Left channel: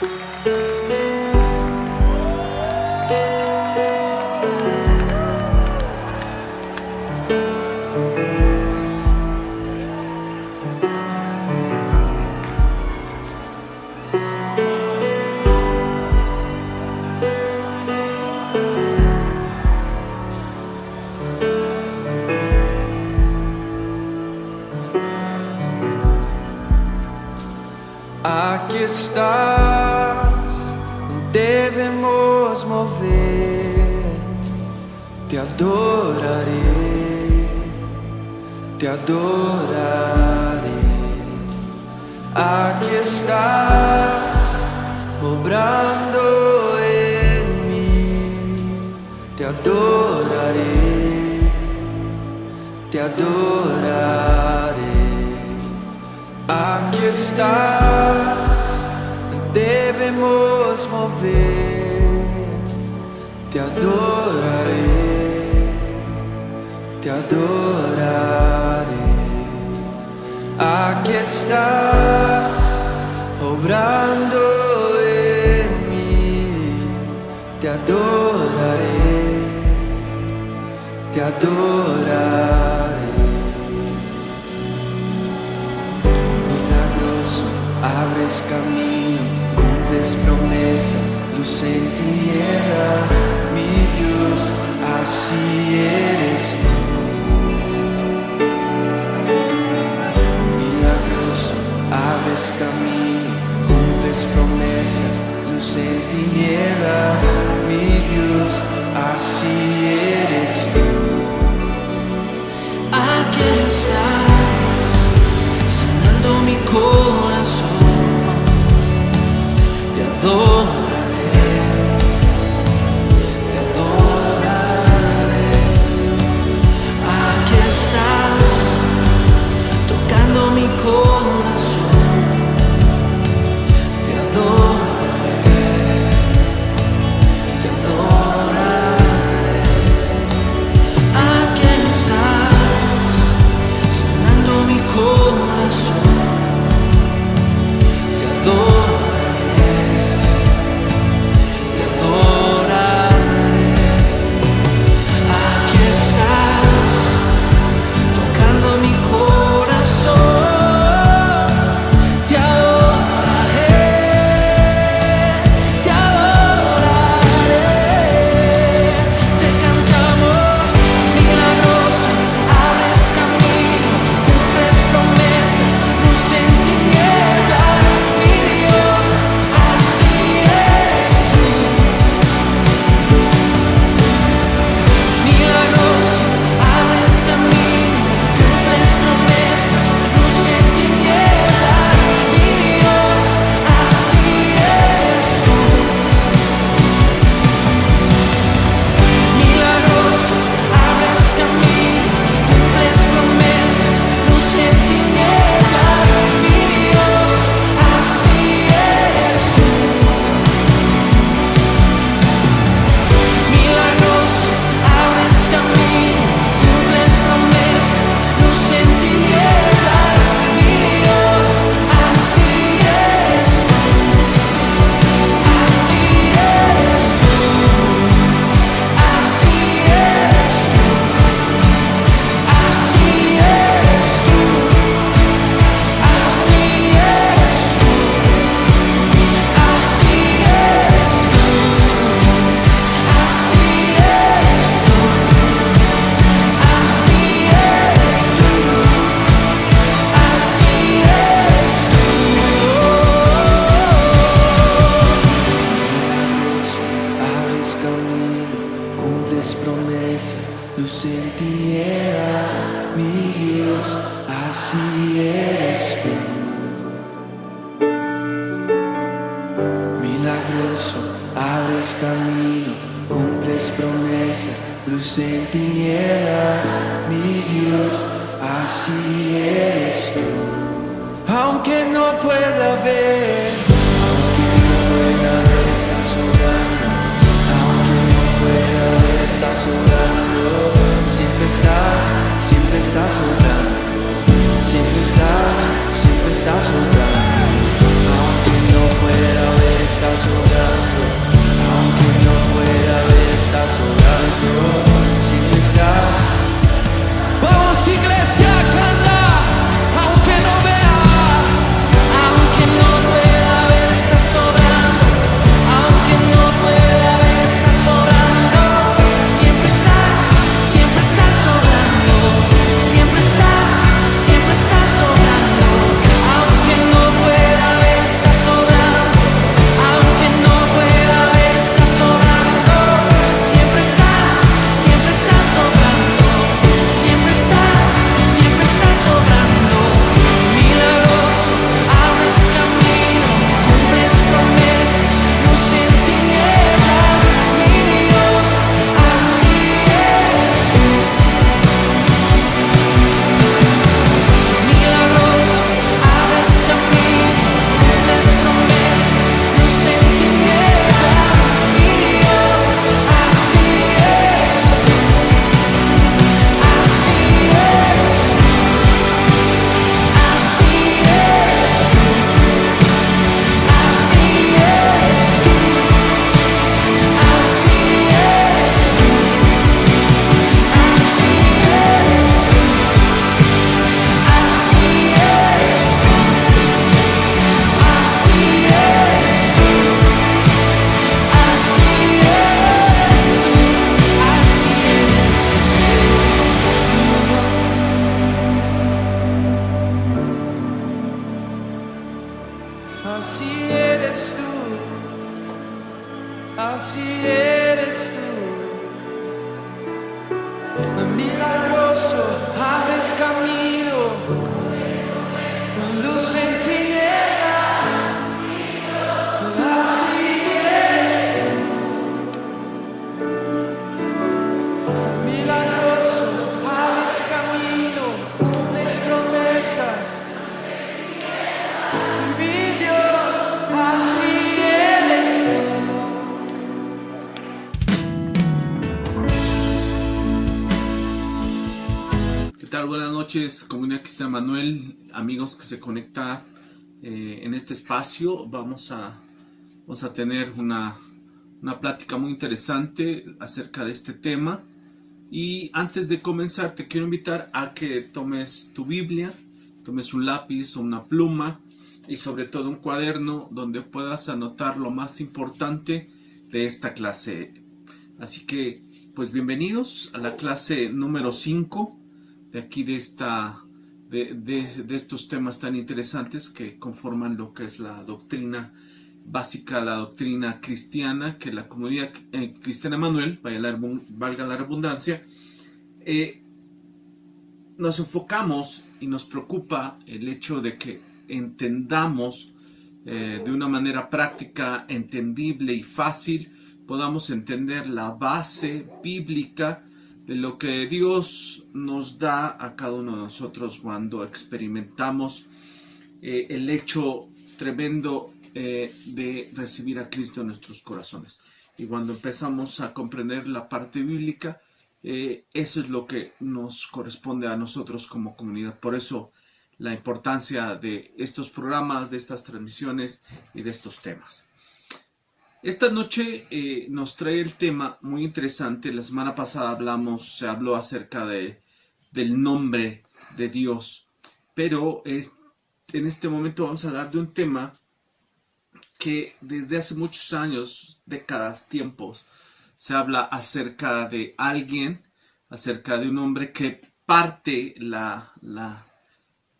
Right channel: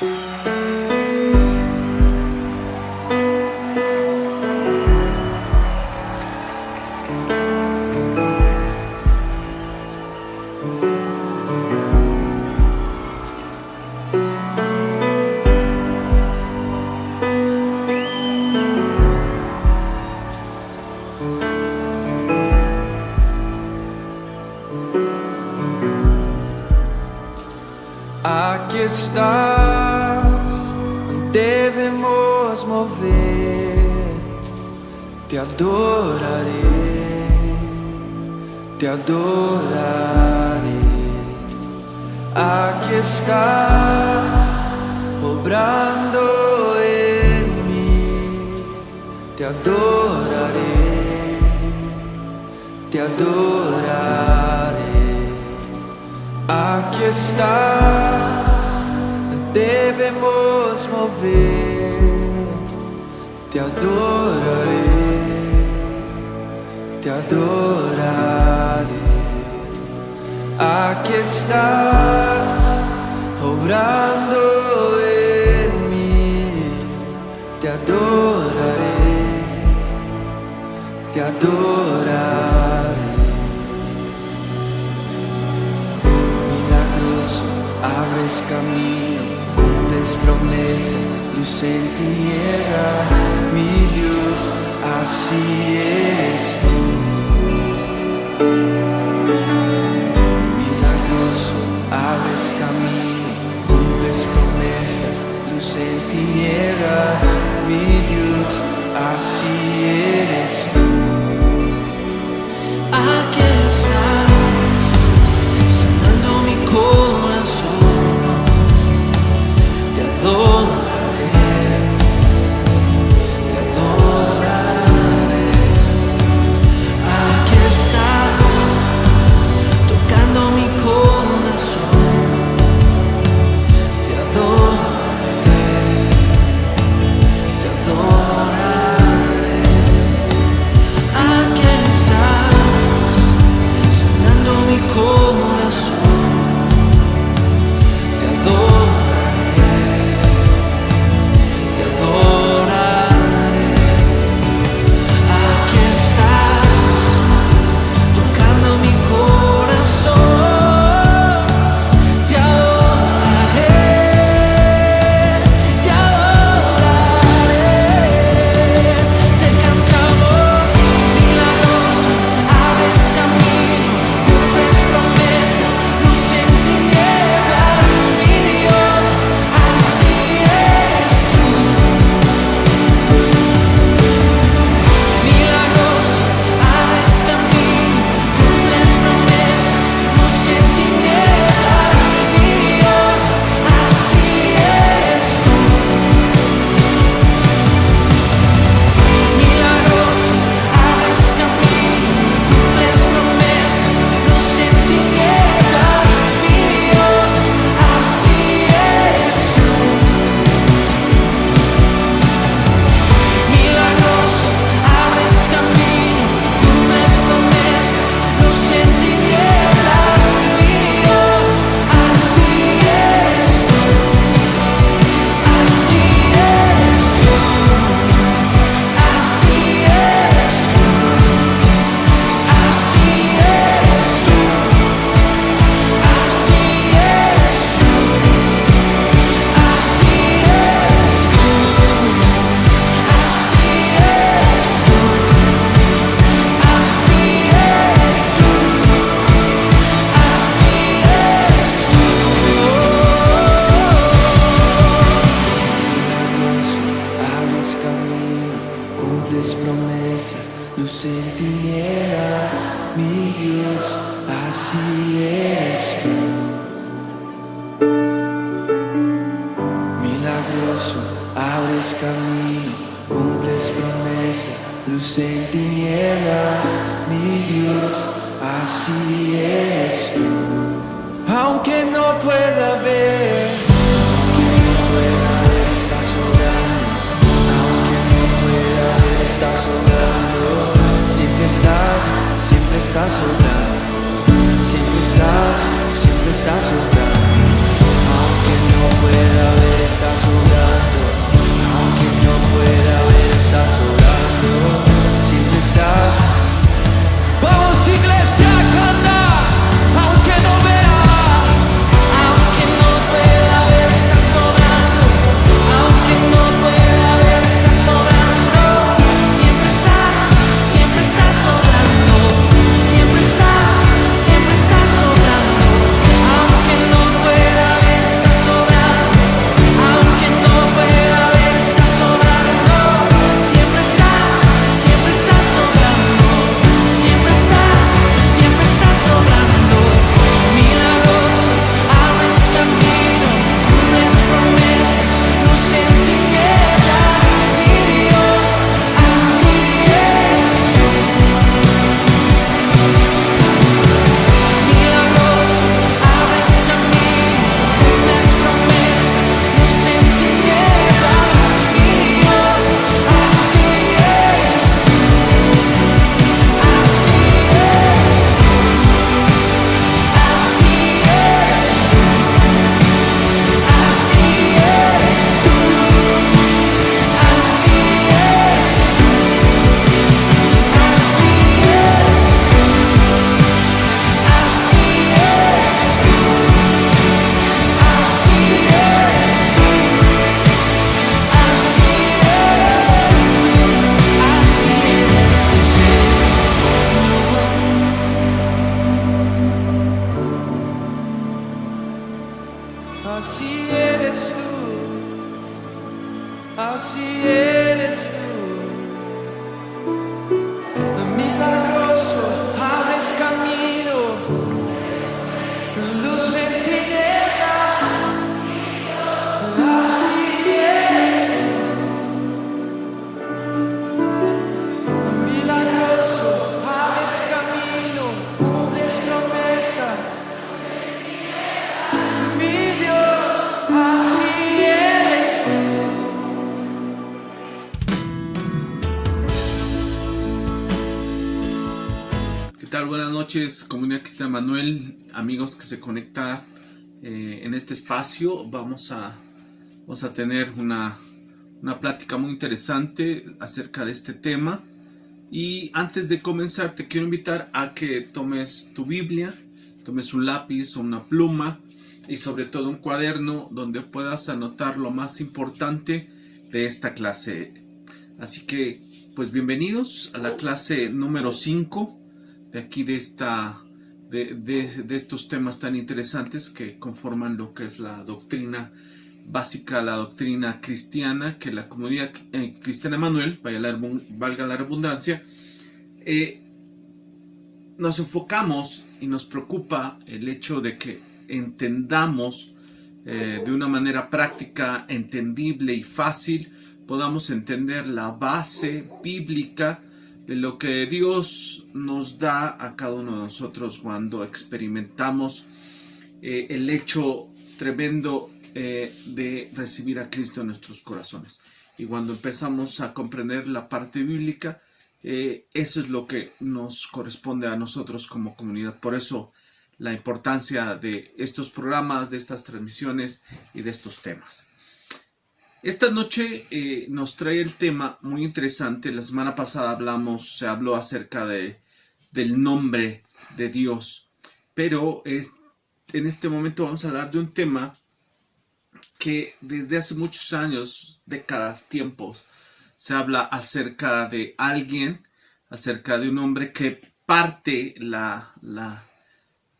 Aquí estás, debemos mover. Te adoraré, te adoraré. Aquí estás, obrando en mí. Te adoraré, te adoraré. Aquí estás, debemos mover. Te adoraré, te adoraré. Aquí estás, obrando en mí. Te adoraré, te adoraré. Abres camino, cumples promesas, luz en tinieblas, mi Dios, así eres tú. Milagroso, abres camino, cumples promesas, luz en tinieblas, mi Dios, así eres tú. Aquí estás, sanando mi corazón. Te adoraré, te adoraré. Aquí estás, tocando mi corazón. Te adoraré, te adoraré. Aquí estás, sanando mi corazón. Te adoraré, te adoraré. Aquí estás, tocando mi corazón. Te adoraré, te adoraré. Te cantamos milagroso, abres camino, cumples promesas, luz en tinieblas, mi Dios, así eres tú. Milagroso, abres camino, cumples promesas, luz en tinieblas, mi Dios, así eres tú. Milagroso, abres camino, cumples promesas, luz en tinieblas, mi Dios, así eres tú. Milagroso, abres camino, cumples promesas, luz en tinieblas, mi Dios, así eres tú. Así eres tú, así eres tú, así eres tú, así eres tú, así eres tú, así eres tú, así eres tú, así eres tú. Milagroso, abres camino, cumples promesas, luz en tinieblas, mi Dios, así eres tú. Milagroso, abres camino, cumples promesas, luz en tinieblas, mi Dios, así eres tú. Aunque no pueda ver, estás obrando. Aunque no pueda ver, estás obrando. Siempre estás obrando. Siempre estás obrando. Aunque no pueda ver, estás obrando. Aunque no pueda ver, estás obrando. Siempre estás. Vamos, iglesia, canta, aunque no vea, aunque no pueda ver, estás obrando, aunque no pueda ver, estás obrando, siempre estás obrando, siempre estás obrando, aunque no pueda ver, estás obrando, aunque no pueda ver, estás obrando, siempre estás obrando. Siempre estás obrando, milagroso, abres camino, cumples promesas, luz en tinieblas, mi Dios, así eres tú. Milagroso, abres camino, cumples promesas, luz en tinieblas, mi Dios, así eres tú. Así eres tú, así eres tú, así eres tú, así eres tú, así eres tú, así eres tú, así eres tú, así eres tú, Señor. Así eres tú, así eres tú. Milagroso, abres camino, luz en tinieblas. Así eres tú. Milagroso, abres camino, cumples promesas. Mi Dios, así eres tú. ¿Qué tal? Buenas noches, comunidad Cristiana Manuel, amigos que se conectan en este espacio. Vamos a tener una plática muy interesante acerca de este tema. Y antes de comenzar, te quiero invitar a que tomes tu Biblia, tomes un lápiz o una pluma y sobre todo un cuaderno donde puedas anotar lo más importante de esta clase. Así que, pues bienvenidos a la clase número 5 de aquí de estos temas tan interesantes que conforman lo que es la doctrina básica, la doctrina cristiana, que la comunidad Cristiana Manuel, valga la redundancia, nos enfocamos y nos preocupa el hecho de que entendamos de una manera práctica, entendible y fácil, podamos entender la base bíblica de lo que Dios nos da a cada uno de nosotros cuando experimentamos el hecho tremendo de recibir a Cristo en nuestros corazones. Y cuando empezamos a comprender la parte bíblica, eso es lo que nos corresponde a nosotros como comunidad. Por eso la importancia de estos programas, de estas transmisiones y de estos temas. Esta noche nos trae el tema muy interesante. La semana pasada se habló acerca del nombre de Dios, pero en este momento vamos a hablar de un tema que desde hace muchos años, décadas, tiempos, se habla acerca de alguien, acerca de un hombre que parte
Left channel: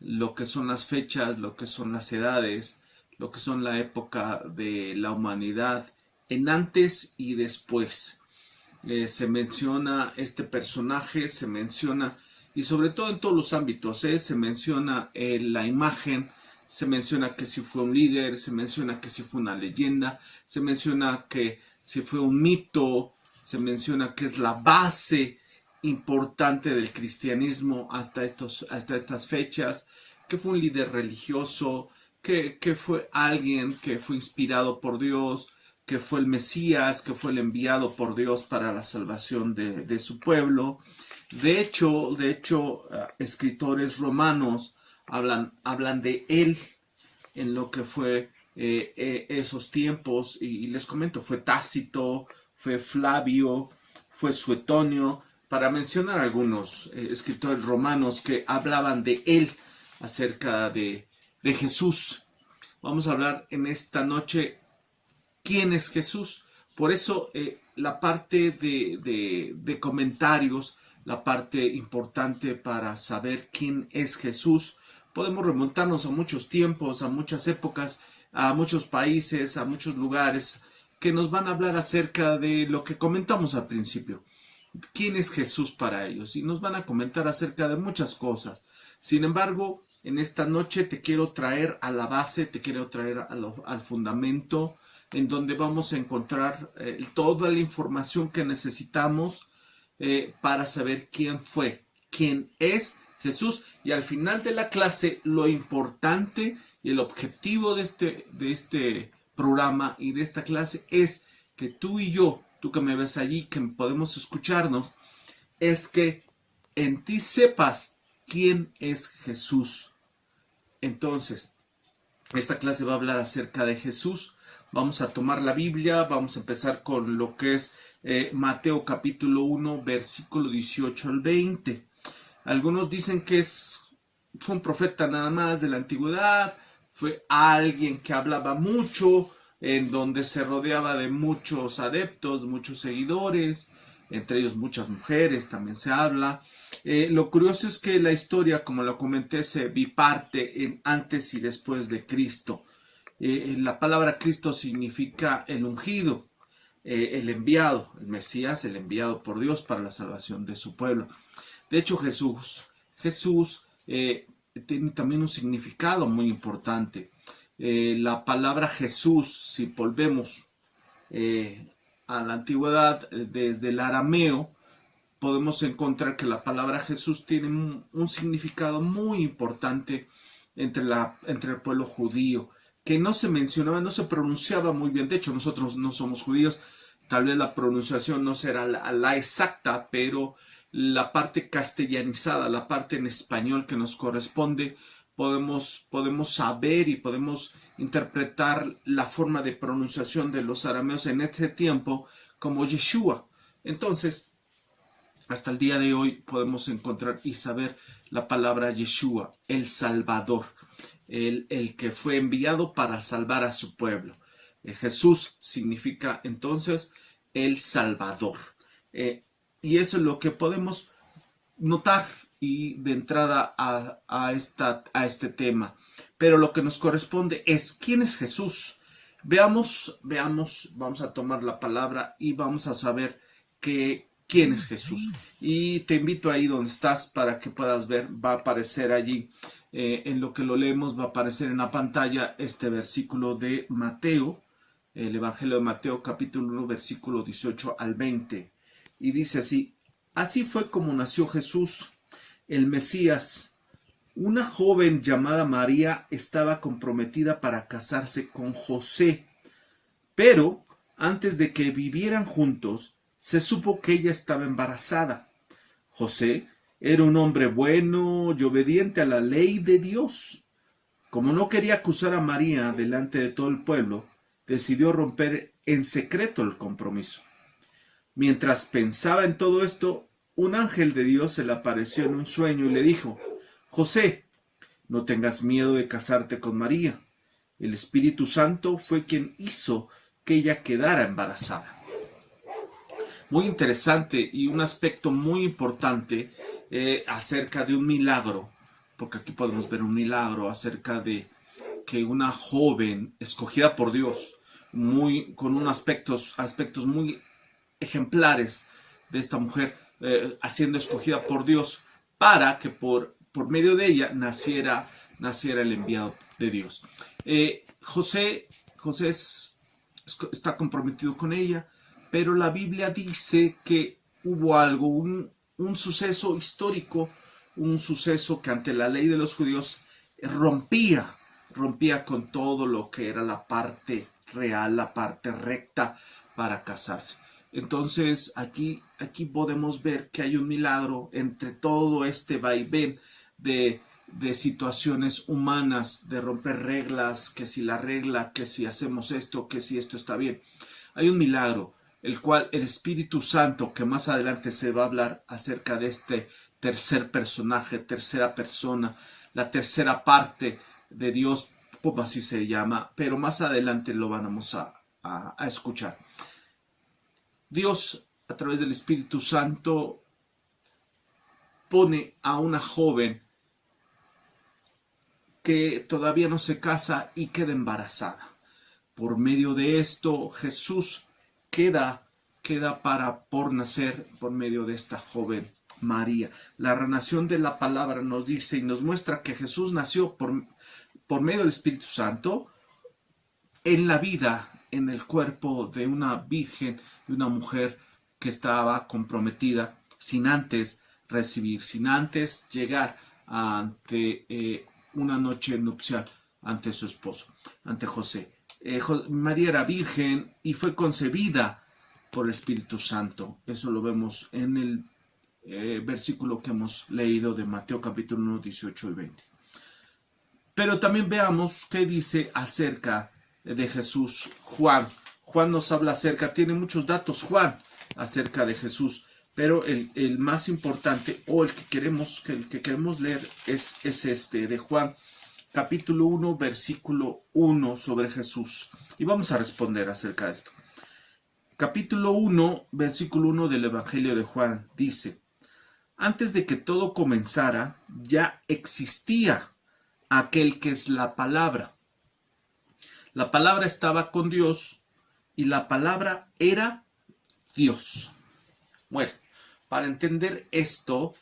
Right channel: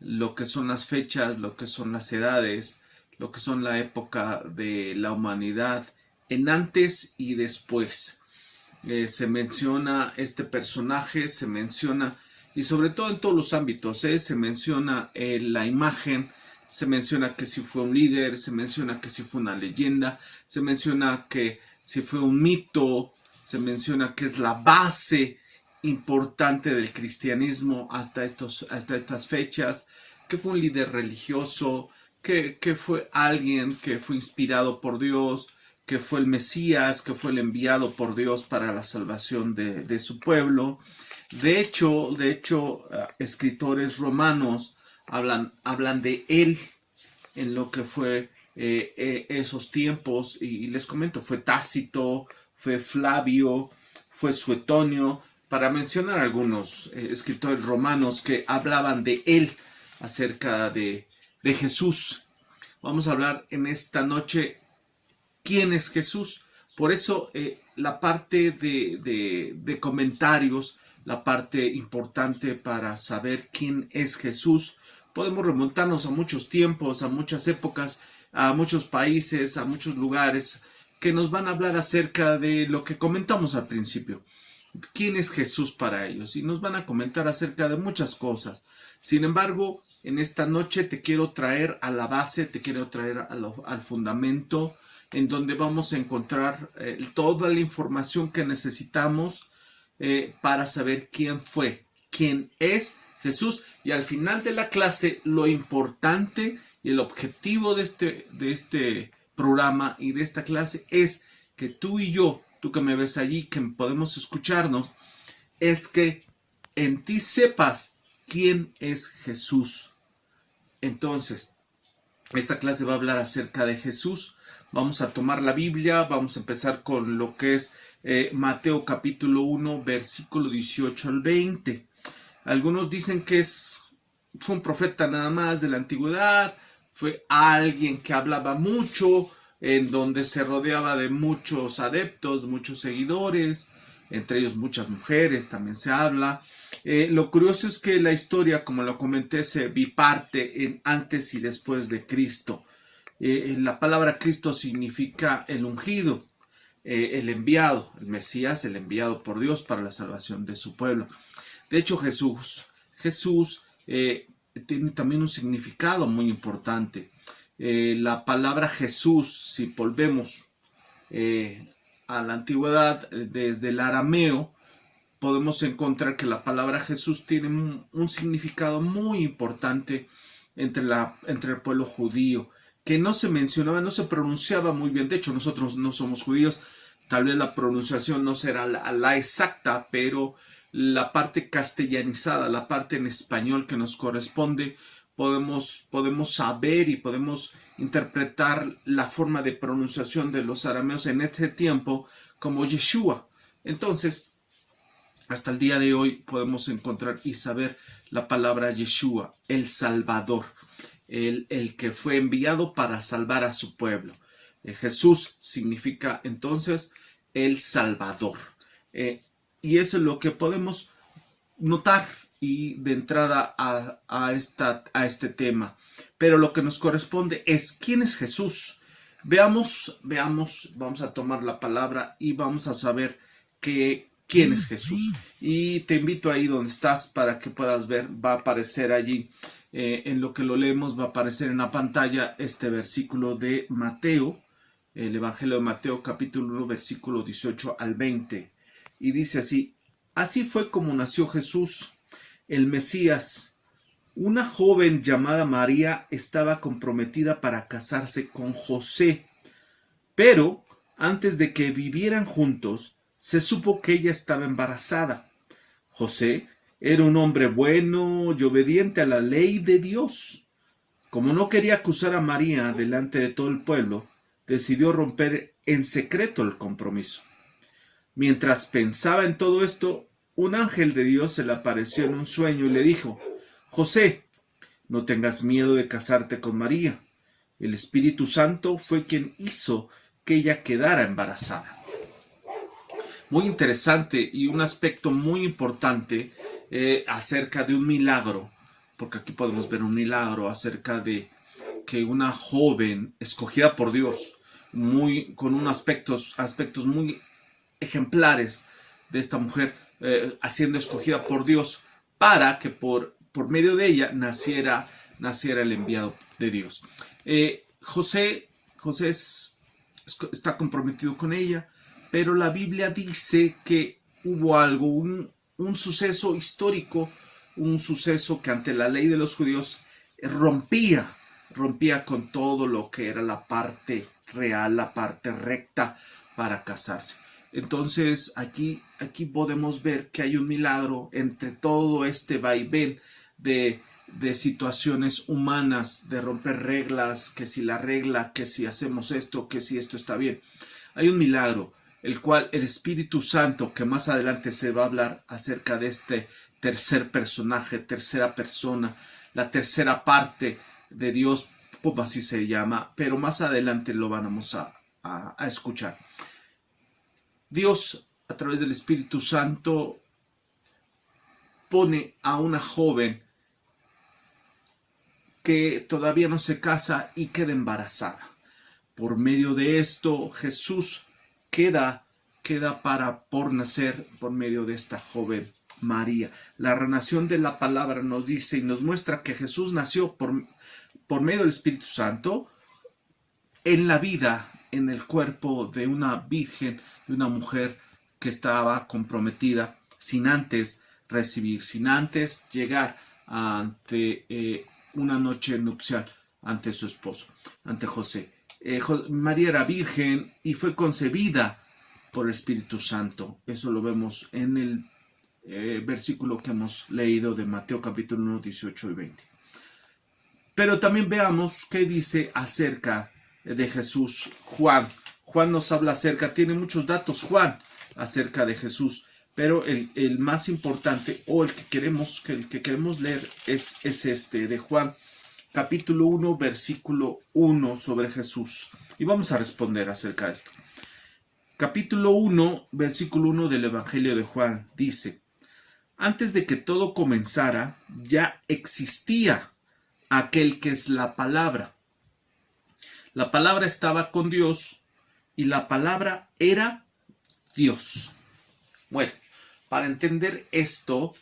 lo que son las fechas, lo que son las edades, lo que son la época de la humanidad, en antes y después. Se menciona este personaje, se menciona, y sobre todo en todos los ámbitos, se menciona la imagen, se menciona que si fue un líder, se menciona que si fue una leyenda, se menciona que si fue un mito, se menciona que es la base importante del cristianismo hasta estas fechas, que fue un líder religioso, que fue alguien que fue inspirado por Dios, que fue el Mesías, que fue el enviado por Dios para la salvación de su pueblo. De hecho, escritores romanos hablan de él en lo que fue esos tiempos, y les comento, fue Tácito, fue Flavio, fue Suetonio, para mencionar algunos escritores romanos que hablaban de él, acerca de Jesús. Vamos a hablar en esta noche quién es Jesús. Por eso la parte de comentarios, la parte importante para saber quién es Jesús, podemos remontarnos a muchos tiempos, a muchas épocas, a muchos países, a muchos lugares que nos van a hablar acerca de lo que comentamos al principio. ¿Quién es Jesús para ellos? Y nos van a comentar acerca de muchas cosas. Sin embargo, en esta noche te quiero traer a la base, te quiero traer al fundamento, en donde vamos a encontrar toda la información que necesitamos para saber quién fue, quién es Jesús. Y al final de la clase, lo importante y el objetivo de este programa y de esta clase es que tú y yo, tú que me ves allí, que podemos escucharnos, es que en ti sepas quién es Jesús. Entonces, esta clase va a hablar acerca de Jesús. Vamos a tomar la Biblia, vamos a empezar con lo que es Mateo capítulo 1, versículo 18 al 20. Algunos dicen que fue un profeta nada más de la antigüedad, fue alguien que hablaba mucho, en donde se rodeaba de muchos adeptos, muchos seguidores, entre ellos muchas mujeres, también se habla. Lo curioso es que la historia, como lo comenté, se biparte en antes y después de Cristo. La palabra Cristo significa el ungido, el enviado, el Mesías, el enviado por Dios para la salvación de su pueblo. De hecho, Jesús tiene también un significado muy importante. La palabra Jesús, si volvemos a la antigüedad, desde el arameo, podemos encontrar que la palabra Jesús tiene un significado muy importante entre el pueblo judío, que no se mencionaba, no se pronunciaba muy bien. De hecho, nosotros no somos judíos, tal vez la pronunciación no será la exacta, pero la parte castellanizada, la parte en español que nos corresponde, podemos saber y podemos interpretar la forma de pronunciación de los arameos en este tiempo como Yeshua. Entonces, hasta el día de hoy podemos encontrar y saber la palabra Yeshua, el Salvador, el que fue enviado para salvar a su pueblo. Jesús significa entonces el Salvador. Y eso es lo que podemos notar y de entrada a este tema. Pero lo que nos corresponde es ¿quién es Jesús? Veamos, vamos a tomar la palabra y vamos a saber quién es Jesús. Y te invito ahí donde estás para que puedas ver, va a aparecer allí, en lo que lo leemos, va a aparecer en la pantalla este versículo de Mateo, el Evangelio de Mateo capítulo 1, versículo 18 al 20. Y dice así: así fue como nació Jesús, el Mesías. Una joven llamada María estaba comprometida para casarse con José, pero antes de que vivieran juntos, se supo que ella estaba embarazada. José era un hombre bueno y obediente a la ley de Dios. Como no quería acusar a María delante de todo el pueblo, decidió romper en secreto el compromiso. Mientras pensaba en todo esto, un ángel de Dios se le apareció en un sueño y le dijo: José, no tengas miedo de casarte con María. El Espíritu Santo fue quien hizo que ella quedara embarazada. Muy interesante y un aspecto muy importante acerca de un milagro, porque aquí podemos ver un milagro acerca de que una joven escogida por Dios, con unos aspectos muy ejemplares de esta mujer, siendo escogida por Dios para que por medio de ella naciera el enviado de Dios. José está comprometido con ella, pero la Biblia dice que hubo algo, un suceso histórico, un suceso que ante la ley de los judíos rompía con todo lo que era la parte real, la parte recta para casarse. Entonces aquí podemos ver que hay un milagro entre todo este vaivén de de situaciones humanas, de romper reglas, que si la regla, que si hacemos esto, que si esto está bien. Hay un milagro, el cual el Espíritu Santo, que más adelante se va a hablar acerca de este tercer personaje, tercera persona, la tercera parte de Dios, como así se llama, pero más adelante lo vamos a escuchar. Dios, a través del Espíritu Santo, pone a una joven que todavía no se casa y queda embarazada. Por medio de esto, Jesús queda por nacer por medio de esta joven María. La narración de la palabra nos dice y nos muestra que Jesús nació por medio del Espíritu Santo en la vida, en el cuerpo de una virgen, de una mujer que estaba comprometida sin antes recibir, sin antes llegar ante una noche nupcial ante su esposo, ante José. María era virgen y fue concebida por el Espíritu Santo. Eso lo vemos en el versículo que hemos leído de Mateo capítulo 1, 18 y 20. Pero también veamos qué dice acerca de Jesús Juan. Juan nos habla tiene muchos datos Juan acerca de Jesús, pero el más importante o el que queremos leer es este de Juan capítulo 1 versículo 1 sobre Jesús, y vamos a responder acerca de esto. Capítulo 1 versículo 1 del Evangelio de Juan dice: antes de que todo comenzara ya existía aquel que es la palabra. La palabra estaba con Dios y la palabra era Dios. Bueno, para entender esto,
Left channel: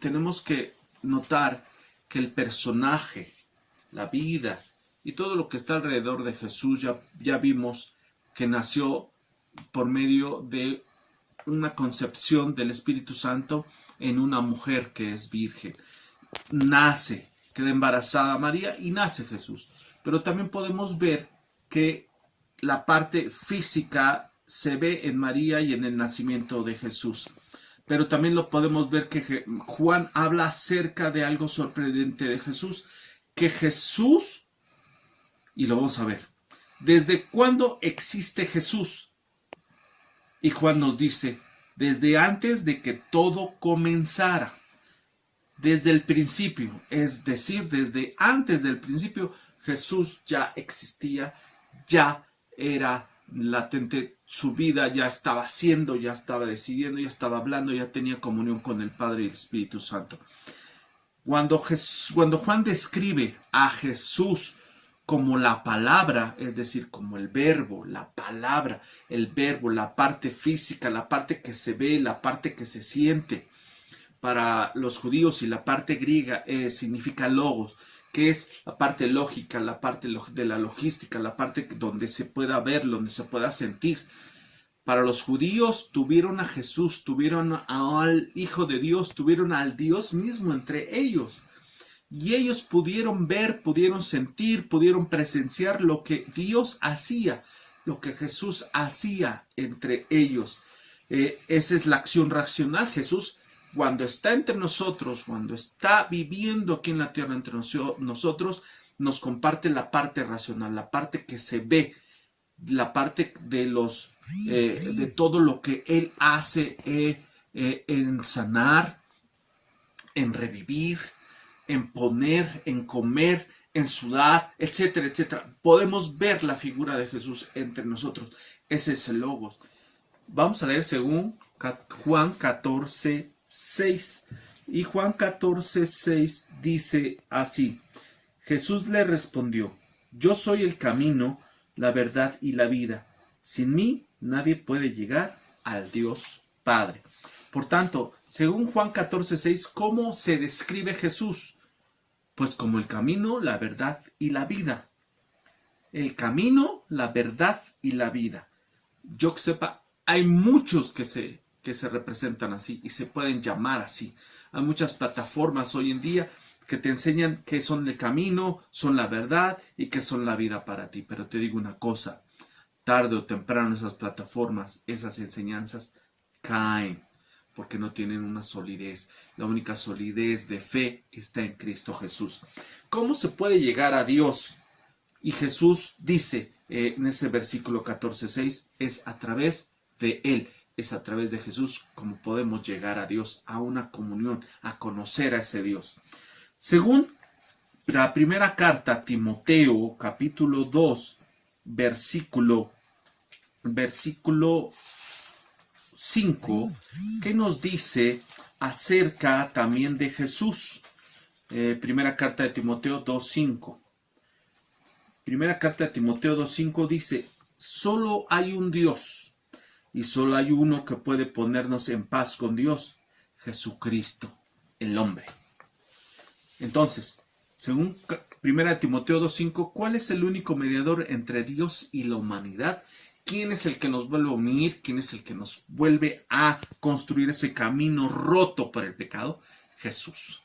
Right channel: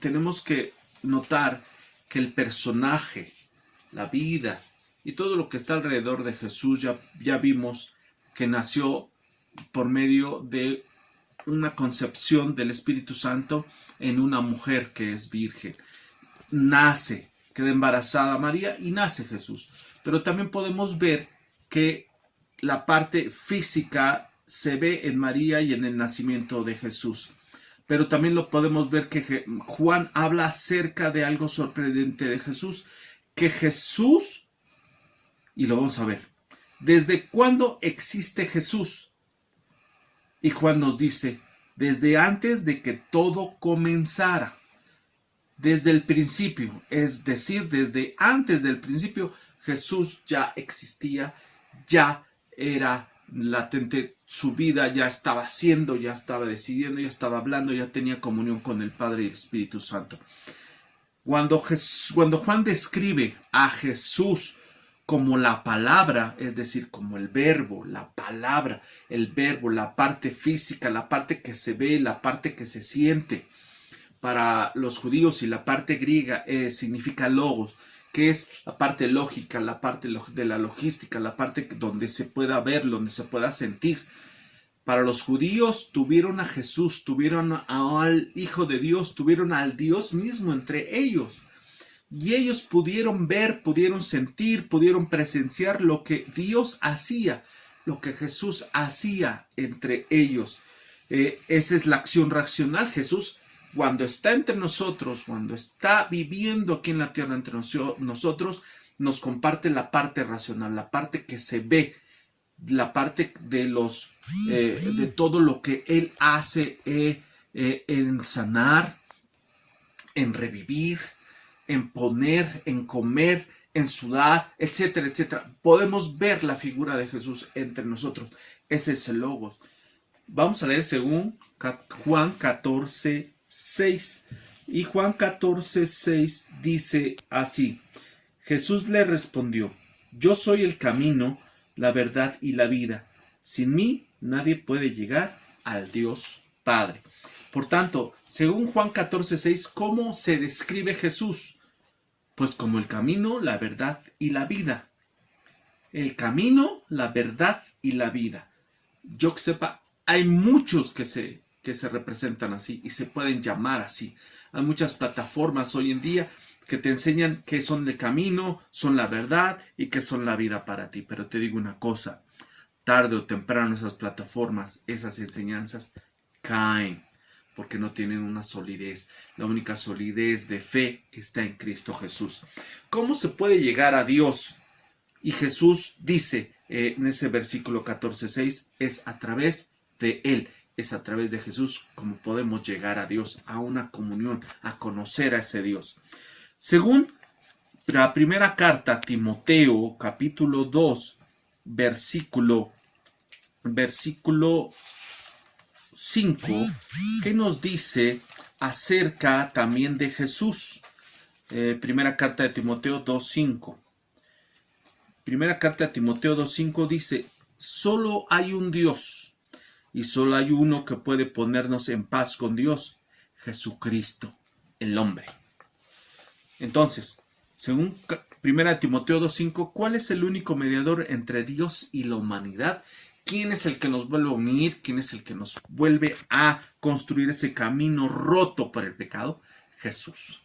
tenemos que notar que el personaje, la vida y todo lo que está alrededor de Jesús ya vimos que nació por medio de una concepción del Espíritu Santo en una mujer que es virgen. Nace, queda embarazada María y nace Jesús. Pero también podemos ver que la parte física se ve en María y en el nacimiento de Jesús. Pero también lo podemos ver que Juan habla acerca de algo sorprendente de Jesús. Que Jesús, y lo vamos a ver, ¿desde cuándo existe Jesús? Y Juan nos dice, desde antes de que todo comenzara. Desde el principio, es decir, desde antes del principio, Jesús ya existía, ya era latente, su vida ya estaba haciendo, ya estaba decidiendo, ya estaba hablando, ya tenía comunión con el Padre y el Espíritu Santo. Cuando Juan describe a Jesús como la palabra, es decir, como el verbo, la palabra, el verbo, la parte física, la parte que se ve, la parte que se siente, para los judíos, y la parte griega significa logos, que es la parte lógica, la parte de la logística, la parte donde se pueda ver, donde se pueda sentir. Para los judíos tuvieron a Jesús, tuvieron al Hijo de Dios, tuvieron al Dios mismo entre ellos. Y ellos pudieron ver, pudieron sentir, pudieron presenciar lo que Dios hacía, lo que Jesús hacía entre ellos. Esa es la acción racional. Jesús, cuando está entre nosotros, cuando está viviendo aquí en la tierra entre nosotros, nos comparte la parte racional, la parte que se ve, la parte de todo lo que Él hace en sanar, en revivir, en poner, en comer, en sudar, etcétera, etcétera. Podemos ver la figura de Jesús entre nosotros. Ese es el Logos. Vamos a leer según Juan 14:6. Y Juan 14:6 dice así: Jesús le respondió: yo soy el camino, la verdad y la vida. Sin mí nadie puede llegar al Dios Padre. Por tanto, según Juan 14:6, ¿cómo se describe Jesús? Pues como el camino, la verdad y la vida. El camino, la verdad y la vida. Yo que sepa, hay muchos que se representan así y se pueden llamar así. Hay muchas plataformas hoy en día que te enseñan que son el camino, son la verdad y que son la vida para ti. Pero te digo una cosa, tarde o temprano esas plataformas, esas enseñanzas caen. porque no tienen una solidez. La única solidez de fe está en Cristo Jesús. ¿Cómo se puede llegar a Dios? Y Jesús dice en ese versículo 14:6, es a través de Él, es a través de Jesús como podemos llegar a Dios, a una comunión, a conocer a ese Dios. Según la primera carta a Timoteo, capítulo 2, versículo 5, que nos dice acerca también de Jesús. Primera carta de Timoteo 2:5. Primera carta de Timoteo 2:5 dice: solo hay un Dios y solo hay uno que puede ponernos en paz con Dios, Jesucristo, el hombre. Entonces, según Primera Timoteo 2:5, ¿cuál es el único mediador entre Dios y la humanidad? ¿Quién es el que nos vuelve a unir? ¿Quién es el que nos vuelve a construir ese camino roto por el pecado? Jesús.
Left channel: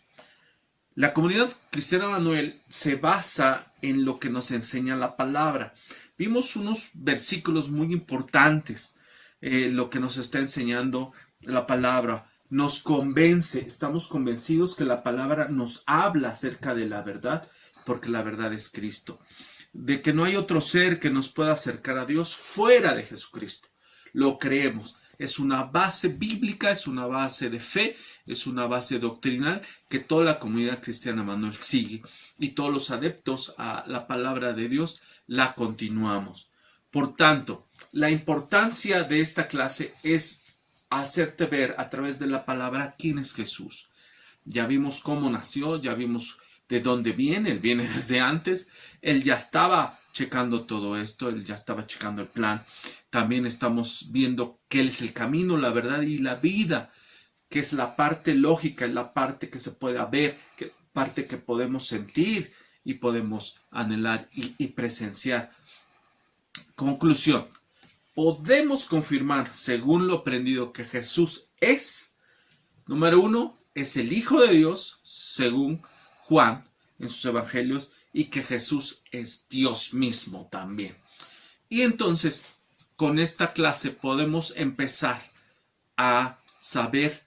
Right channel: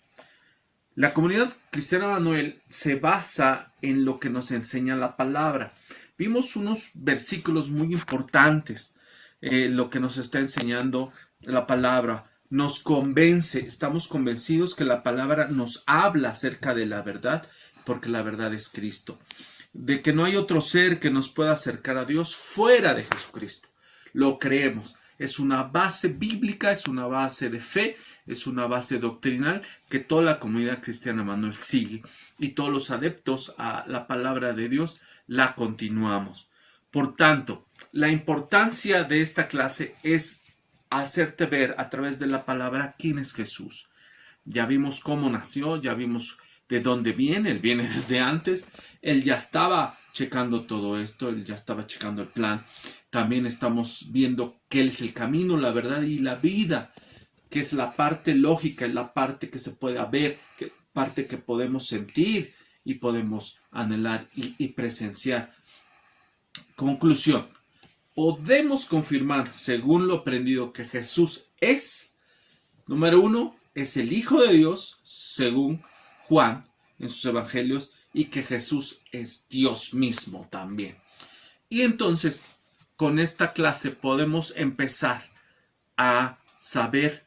La comunidad cristiana Manuel se basa en lo que nos enseña la palabra. Vimos unos versículos muy importantes, lo que nos está enseñando la palabra. Nos convence, estamos convencidos que la palabra nos habla acerca de la verdad, porque la verdad es Cristo. De que no hay otro ser que nos pueda acercar a Dios fuera de Jesucristo. Lo creemos. Es una base bíblica, es una base de fe, es una base doctrinal que toda la comunidad cristiana Manuel sigue. Y todos los adeptos a la palabra de Dios la continuamos. Por tanto, la importancia de esta clase es hacerte ver a través de la palabra quién es Jesús. Ya vimos cómo nació, ya vimos de dónde viene. Él viene desde antes. Él ya estaba checando todo esto, él ya estaba checando el plan. También estamos viendo que Él es el camino, la verdad y la vida, que es la parte lógica, la parte que se puede ver, parte que podemos sentir y podemos anhelar y presenciar. Conclusión. Podemos confirmar, según lo aprendido, que Jesús es, número 1, es el Hijo de Dios, según Juan en sus evangelios, y que Jesús es Dios mismo también. Y entonces, con esta clase podemos empezar a saber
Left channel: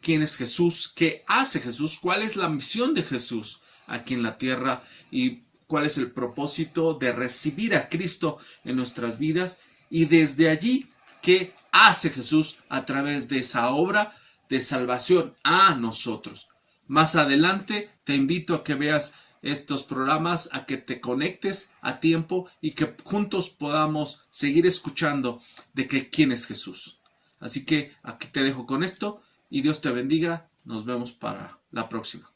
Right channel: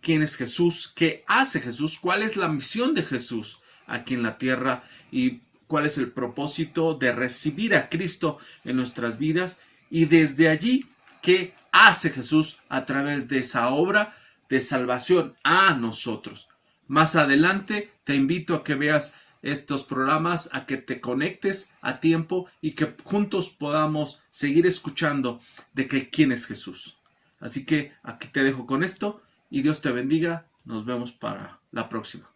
quién es Jesús, qué hace Jesús, cuál es la misión de Jesús aquí en la tierra y cuál es el propósito de recibir a Cristo en nuestras vidas, y desde allí qué hace Jesús a través de esa obra de salvación a nosotros. Más adelante te invito a que veas estos programas, a que te conectes a tiempo y que juntos podamos seguir escuchando de que quién es Jesús. Así que aquí te dejo con esto y Dios te bendiga. Nos vemos para la próxima.